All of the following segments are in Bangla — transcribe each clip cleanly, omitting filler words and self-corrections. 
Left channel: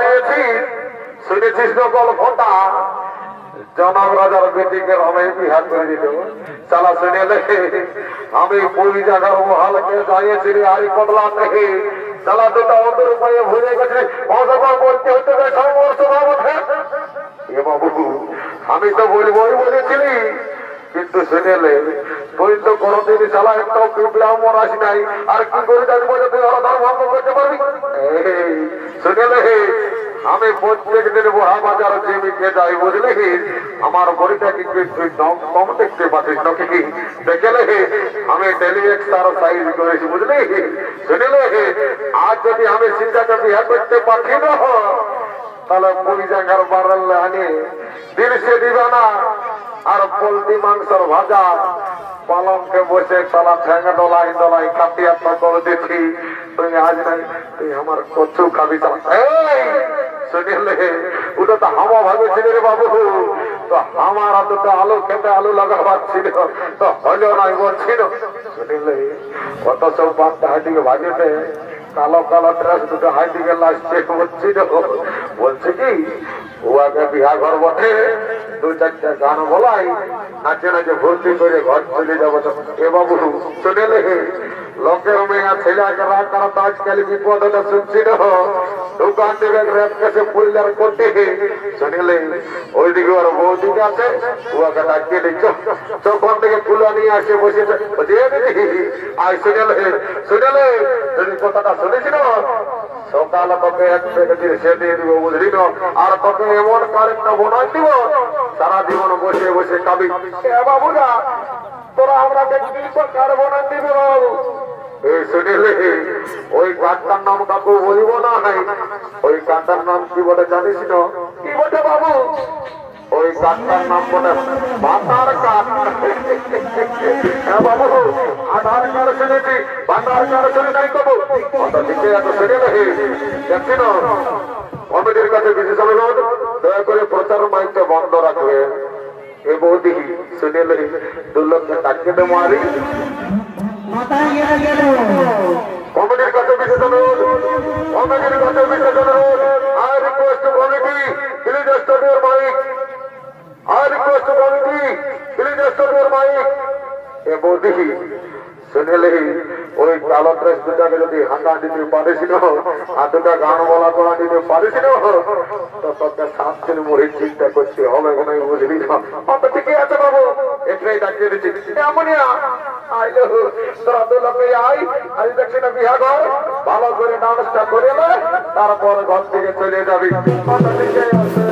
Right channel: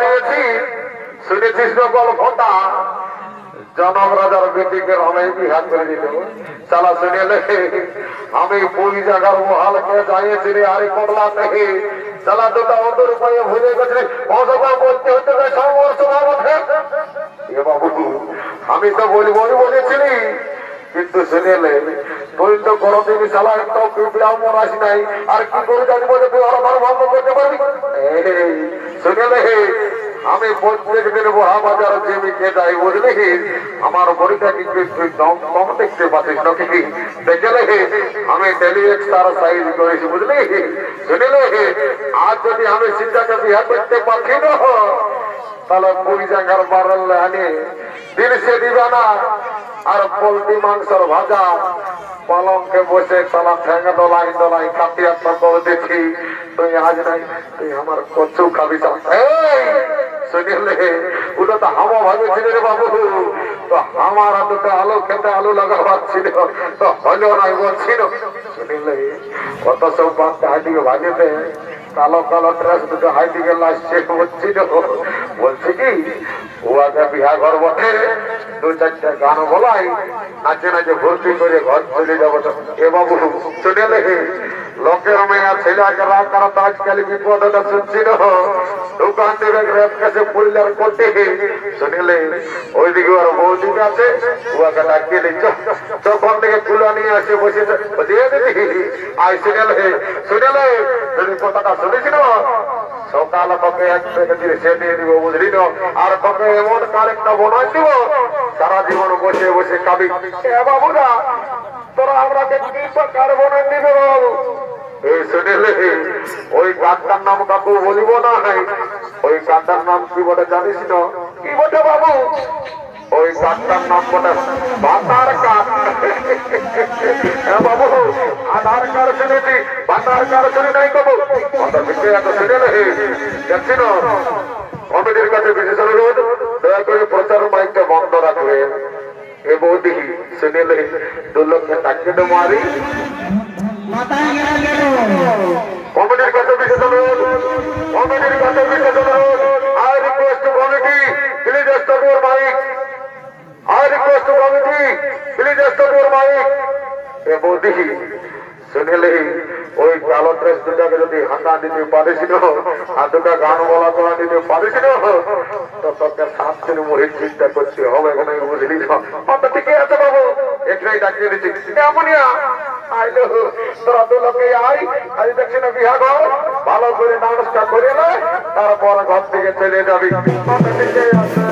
দিয়েছি শুনেছিস না গল্পটা জনক রাজার বেটিকে রমেশ বিহার করে দিল চালা শুনে আমি পুরী জায়গার মহালকে যাইয়েছি রে আরে কতলাতে চালা দুটা অন্তর উপায়ে ভুলে গেছি অসভা বলতে হতে এ বাবু আমি তো বলবই বলেছিলি কিন্তু শুনেলে তুই তো কোনদিন চালা একটা ব্রাহ্মণ আসি নাই আর কি করে জানবো যে তুই ওরা ভঙ্গ করতে পারবি শুনেলে আমি প্রত্যেক দিন বড়া বাজার জমিকে যাই বুঝলি আমার বড়িটা কিন্তু তুই কম দেখতে পাচ্ছিস নাকি দেখলে আমি ডেলি এক্সারসাইজ করেছি বুঝলি শুনিলে আজ যদি আমি চিন্তাকে বিহার করতে পারছি না তাহলে পুরী জায়গার বাড়ালে আনি দিল সে দিবে না আর পোলট্রি মাংসর ভাজা পালংকে বসে চালা ঠেঙ্গা দলাই দলাই কাটিয়া করে দেখি তুই আজ নাই তুই আমার কচু খাবি চালা শুনিলে ওটা তো হামা ভাবেছিল রে বাবু তো আমার দুটো আলু খেতে আলু লাগাবার ছিল তো হইলো নাই বলছিল শুনিলে কত সব বাচ্চা হাইদিকে ভাজেতে কালো কালো ড্রেস দুটো হাইদিকে লাসছে বলছিল বলছে কি ও আগে বিহা ঘর বটে দু চারটা গান বলাই নাচে নাচে ভর্তি করে ঘর চলে যাবো এ বাবু শুনেলে লোকের মেয়া ছেলেকে রাগ করা তো আজকাল বিপদটা শুনছিল দোকান থেকে রেপ কেসে পুলিয়ার করতে শুনিলে ওইদিকে ওর বৌদিকে আছে ওকে ডাকিয়ে দিচ্ছ চোখন থেকে কুলা নিয়ে আসে বসেছে দিয়ে দিদি আই শুনেলে কথাটা শুনেছিল সকাল তোকে এক দিয়ে সে দিয়ে দিব বুঝলি না আর তোকে এমন কারেক্টটা বোনাই দিব সারা জীবন বসে বসে খাবি বাবুরা তোরা আমরা কার বোনাই দিবে বাবু এই শুনেলে ওই গাছটার নাম কাকু বলিব না ওই গাছটার নাম কি বলে জানিস না কি বটে বাবু ওই গাছটার নাম বলে ভাতার কাঠ বাবু আধার কার্ড শুনেছি ভাতার কার্ড শুনে নাই বাবু শুনে দেখছি না কমিটির কাছে বিশেষ অনুরোধ দয়া করে প্রচার মাইকটা বন্ধ রাখবে এ বৌদি শুনেলে 2 লক্ষ টাকা মারি কমিটির কাছে বিশেষ অনুরোধ কমিটির কাছে বিশেষ অনুরোধ I request committee please stop your mic I request committee please stop your mic এ বৌদি শুনেলে ওই কালো ড্রেস দুটাকে যদি হাঁটা দিতে পারিস আর দুটা গান বলা করা দিতে পারিস তো তোকে 7 দিন মরির চিন্তা করতে হবে বুঝলি তো ঠিকই আছে বাবু এখানেই ডাকিয়ে দিচ্ছি এমনিয়া আইলো তোরা 2 লোকে আই আজ দেখছি না বিহা ঘর ভালো করে ডান্সটা করে তারপর ঘর থেকে চলে যাবি ঠিকই আছে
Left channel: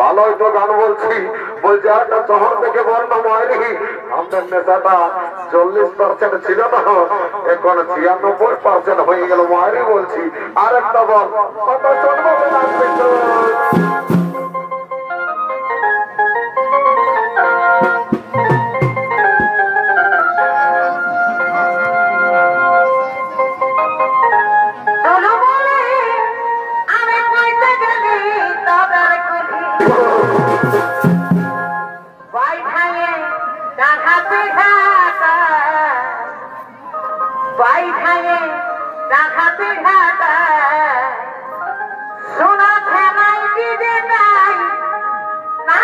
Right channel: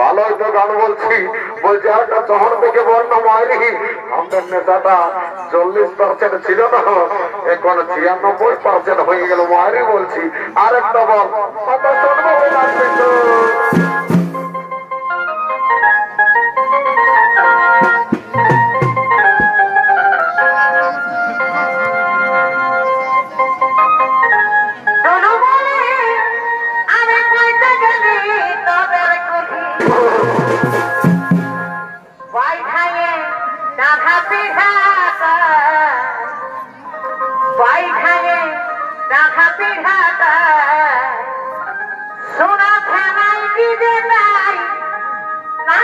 ভালোই তো গান বলছি বলছি একটা শহর থেকে বলতো মাইলি আমাদের নেশাটা 40% ছিল না এখন 96% হয়ে গেল মাইরি বলছি আর একটা বল সোনা খেলাই দিতে নাই না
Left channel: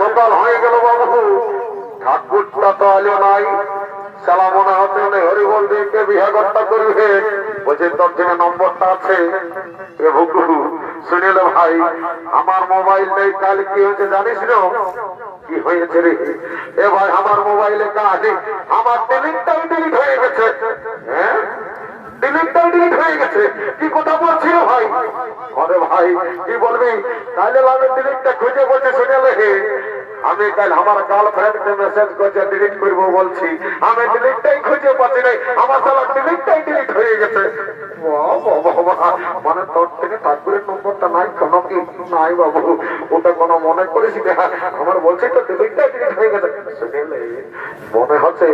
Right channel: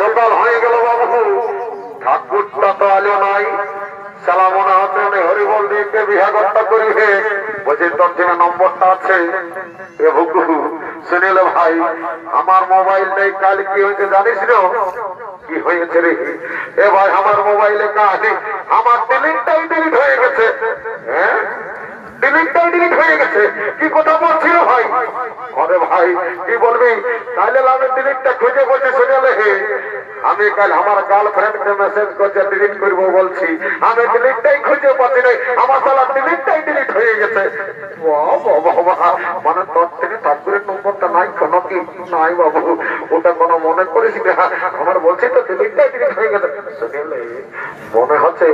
সকাল হয়ে গেল বাবু, ঠাকুরটা তো আলো নাই। সালা মনে হচ্ছে হরিবল দিকে বিহাগরটা করিবে। বলছে তোর যে নম্বরটা আছে শুনিল ভাই, আমার মোবাইল নেই। কাল কি হয়েছে জানিস না? কি হয়েছে রে? এ ভাই আমার মোবাইলে কাজ, আমার টেলিংটাই ডিলিট হয়ে গেছে। হ্যাঁ, ডিলিটটাই ডিলিট হয়ে গেছে। কি কথা বলছিল ভাই? আরে ভাই কি বলবি, কালে আমি ডিলিটটা খুঁজে বলছি শুনেলে আমি কাল আমার গার্লফ্রেন্ডকে মেসেজ করছে ডিলিট করবো বলছি, আমি ডিলিটটাই খুঁজে পাচ্ছি নাই। আমার সালা ডিলিটটাই ডিলিট হয়ে গেছে। মানে তোর থেকে ঠাকুরের নম্বরটা নাই কোনো কি? নাই বাবু, ওটা কোনো মনে করিস না। আমার বলছি তো ডিলিটটাই ডিলিট হয়ে গেছে। শুনেলে মনে হচ্ছে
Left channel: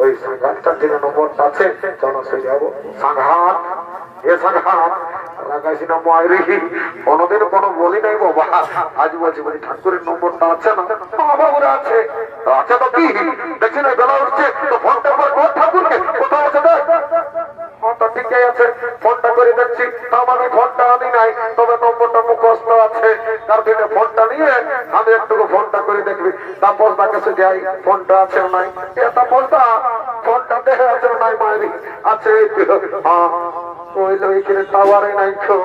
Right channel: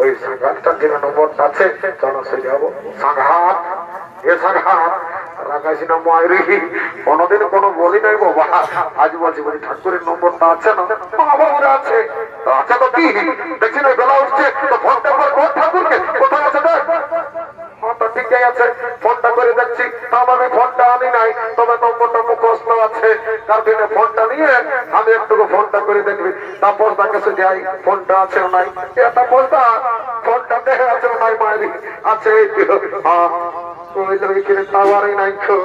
ওই সাংঘাতটার থেকে নম্বরটা আছে। চলো সে যাবো। সাংঘাত, এ সাংঘাত রাখাইস না মায়েরি, কোনোদিন কোনো বলি নাই বাবা। আজ বলছি বলছি ঠাকুরের নম্বরটা আছে না? বাবা ওরা আছে। আচ্ছা তো কি দেখছি না বেলা উঠছে তো ফোনটা আমার কোন ঠাকুরকে কোথায় আছে দেখ। হ্যাঁ তো ঠিকই আছে, ফোনটা করে দেখছি। আমি ফোনটা আনি নাই, তবে নম্বরটা মুখস্থ আছে। তার দিনে ফোনটা নিয়ে আমি একটু ফোনটা করে দেখবি। তারপর তার কাছে যাই, ফোনটা আছে নাই। তারপর ফোনটা দেখে আছে নাই মায়েরি আছে। হ্যাঁ ওই ওইখানে টাওয়ারই নাই তো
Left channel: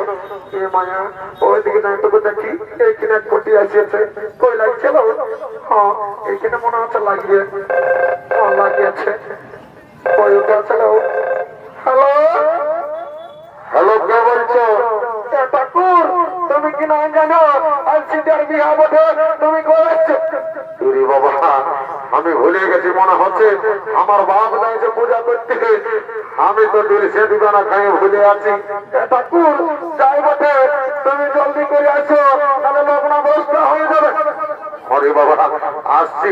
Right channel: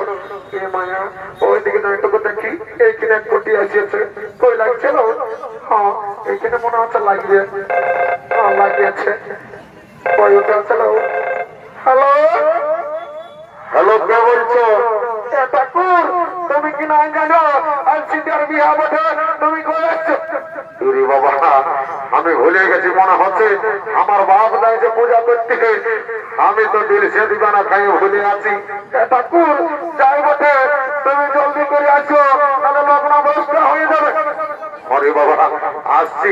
মায়া, ওইদিকে একটু দেখি। এইখানে এক কোটি আসিয়েছে, কই লাগছিল? হ্যাঁ এইখানে মনে হচ্ছে লাগিয়ে, হ্যাঁ লাগিয়েছে। ওই ওটা ছিল। হ্যালো হ্যালো, কে বলছো? ঠাকুর তুমি কি নাই জানো আজ সিদ্ধার বিহা বটে, তুমি কই আসছো? বাবা আমি ভুলে গেছি মনে হচ্ছে। আমার বাপ যাইছে পূজা করতে, আমি তো সে দিবানা খাই ভুলে আছি। ঠাকুর যাই বটে, তুমি জলদি করে আসো, তাহলে লগ্ন অবস্থা হয়ে যাবে। আরে বাবা আসছি,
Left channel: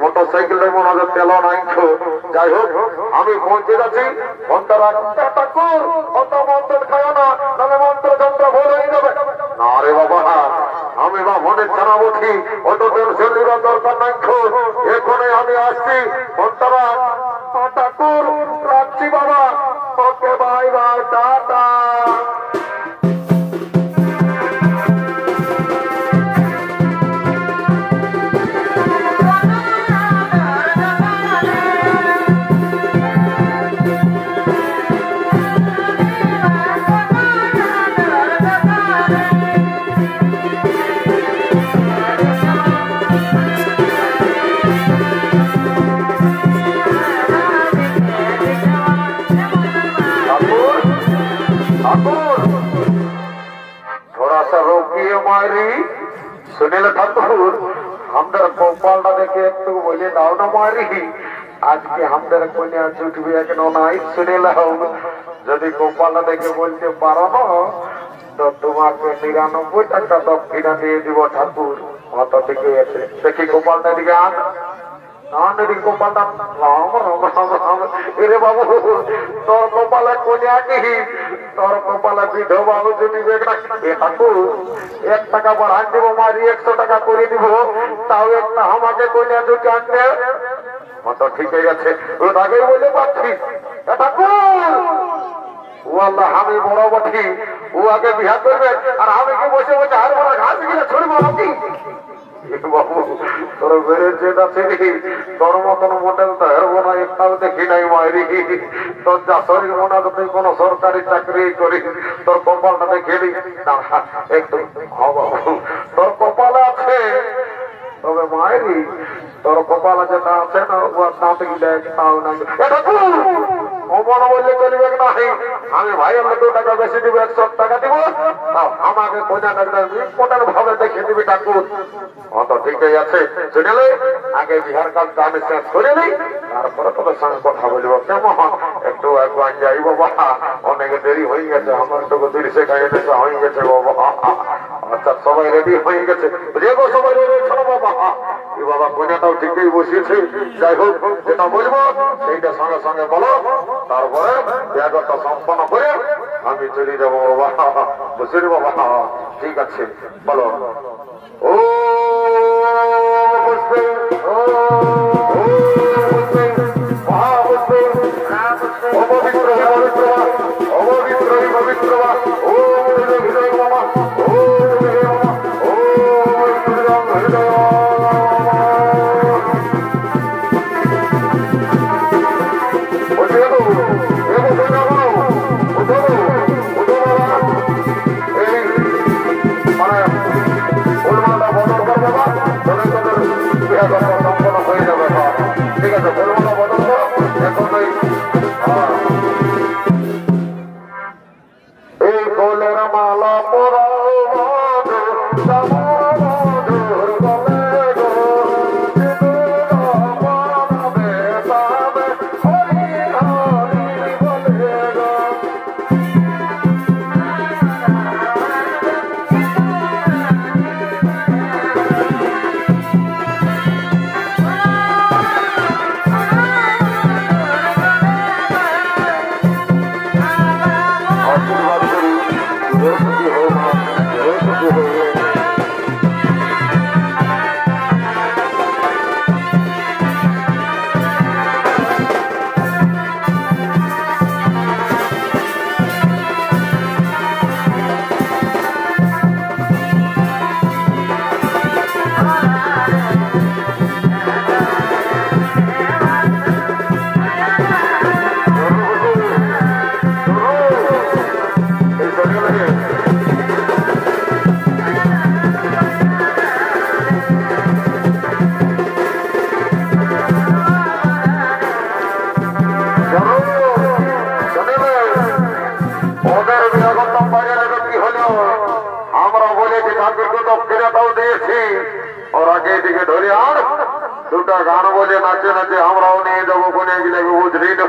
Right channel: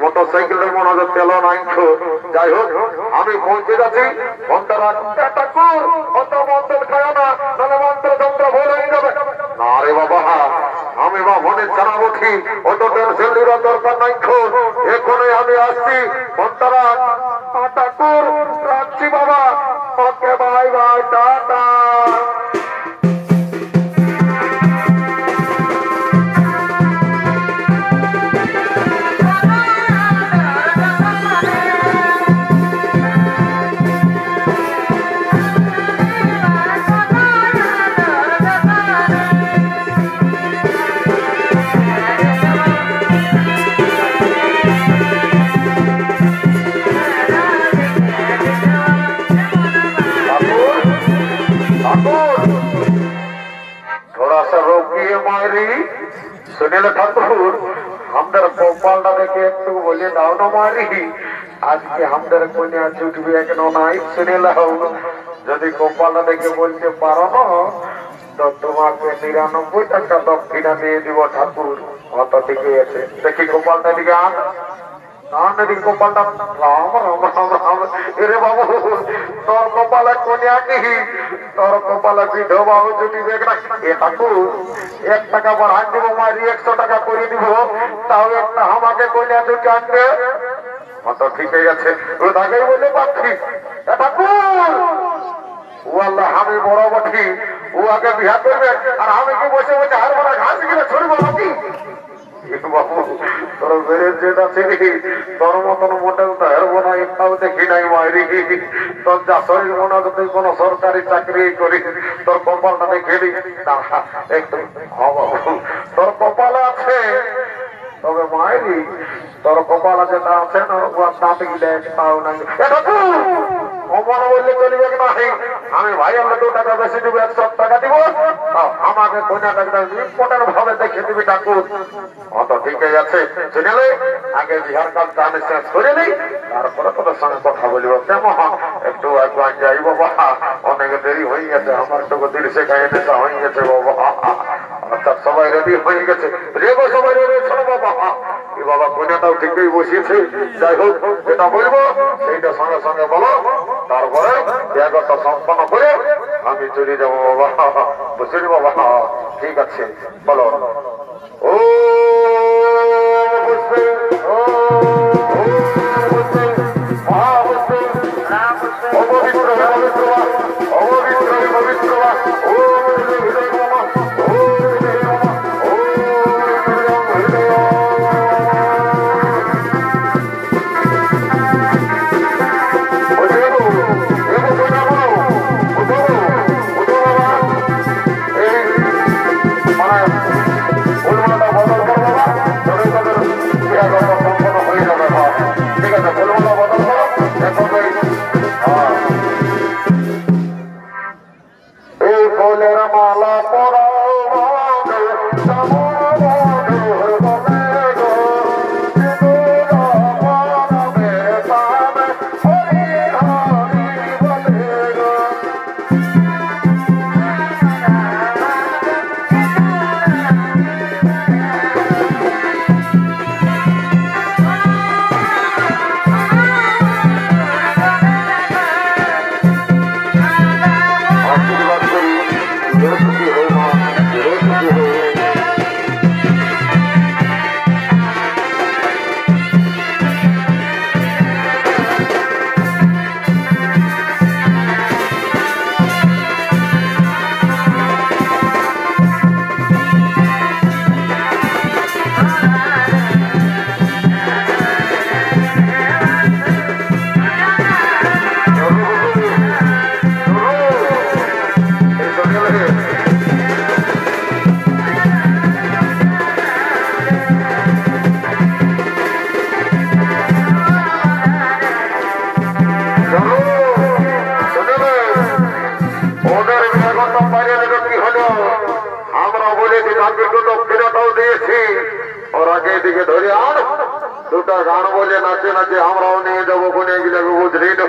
মোটর সাইকেলের মনে হচ্ছে তেল নাই। যাই হোক আমি পৌঁছে যাচ্ছি। ফোনটা রাখ। ঠাকুর অত মন্ত্র খায় না, তাহলে মন্ত্র যন্ত্র ভুল হয়ে যাবে। না রে বাবা, আমি বা মনে জানাবো ঠিক, অত টেনশন নেওয়ার দরকার নাই। এখনই আমি আসছি, ফোনটা রাখ। ঠাকুর রাখছি বাবা। Okay bye bye, tata. थोड़ा सा रोकिए मारी। सुनील ठाकुर हमदर गोपालटा देखे একটু বলে দাও না মারি, আজকে हमदर কোনে ছুটবে কেন নাই? সুনীল যদি গোপালটা দেখে বলতে পারো না তো তোমাকে ৯৯ টাকা দক্ষিণা দিয়ে দিব ঠাকুর। অত ঠিকই আছে। দেখি গোপালটা দিকে আন। গোপালটা রাম রাম রাম রাম। রে বাবু তোর গোপালে কোনিয়া কি? তোর গোপালে বিধবা যদি ঠাকুর ১ টাকা বাড়ান দিব মারি, ১০০ টাকা করে দিব। তাও একটা আমাকে কোনিয়া দুটো আনবে। অত ঠিকই আছে, ওটাকেই বলে পাচ্ছি। ঠাকুর ও আল্লাহ আমি বড় বঠি, ও আগে বিহা করবে আর আমি কি বসে বসে হার বড় ঘাস গেলে ছড়বো নাকি? বাবু তোর বেড়ের যেটা ছিলি তোর মতন মোটেও তো হেরবো না, একটাও দেখি নাই মায়েরি। তোর যা শরীর মনে হতো তুই কোনো সরকারি চাকরি করি, তোর কপালটা দেখেলি একটু। হ্যাঁ বাবু তোর কপালে আছে, তবে মায়েরি তোর কপালে যেটা আছে না ও দাঁত গিলে একটাও না। মনে বললে চলবে না, আমি ভাই আমরা 2 টাকা বেশি দিব, 100 টাকা দিব, আমাকে কন্যাটা ইম্পর্টেন্ট ভাবে দেখে দিবি ঠাকুর। অত ঠিকই আছে, শুনেলে আগে বিহার কাল গান শেষ করে নেই, তারপরে তোদের সঙ্গে কথা বলব। কেমন একটু একবার যাই বাবা, অনেক দেরি হয়ে গেছে, আমার একটু 30 নেশা হয়ে গেছে বাবা। আচ্ছা সবাই রেডি হয়ে গেছে, রেগো সবাই রেডি ছিল বাবা। এই বাবা কন্যাটাও ঠিকই বসিয়েছে, যাই হোক যেটা বলবো সেইটা সঙ্গে সঙ্গে বলো, তারপরে ব্যাগটা সম্পন্ন করে আমি চলে যাবো বাবা। বসির বাবা ঠিক আছে বলো। ও গান বলে নাচে নাচে আমরাও নিয়ে যাবো, কোনে গেলে বুঝলি না।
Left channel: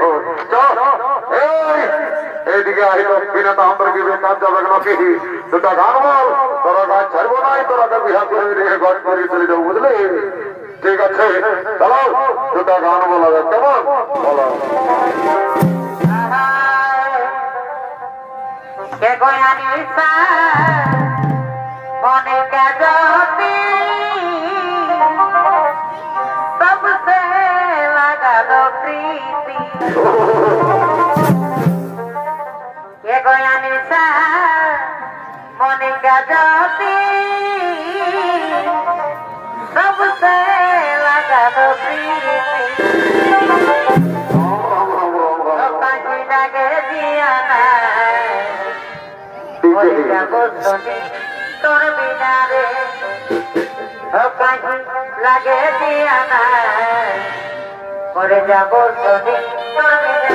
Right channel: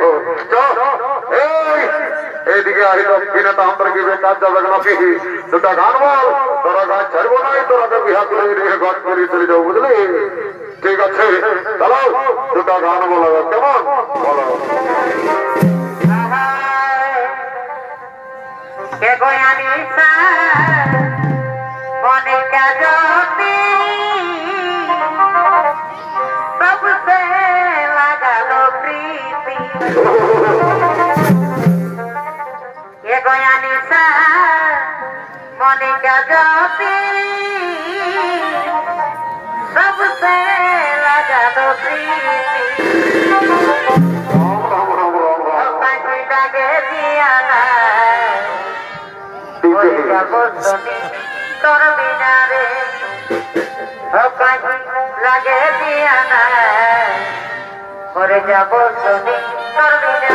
এইদিকে আহিল কিনে তো আমাদেরকে বেকার যাবে নাকি, 2টা গান বল, তোরা গান ছাড়বো নাই, তোরা তো বিহা করে গান করে চলে যাবো বুঝলি। ঠিক আছে চলো 2টা গান বলা যায়, কেমন বলো। মনে কাজতে सबसे लगालो प्रीति ये गोया निशा मने क्या जाती सबसे लगालो प्रीति पांची लगे दिया बोली क्या बोलती तोर बिना रे লাগে দিয়া না করে যাব শুনি তোর বিনা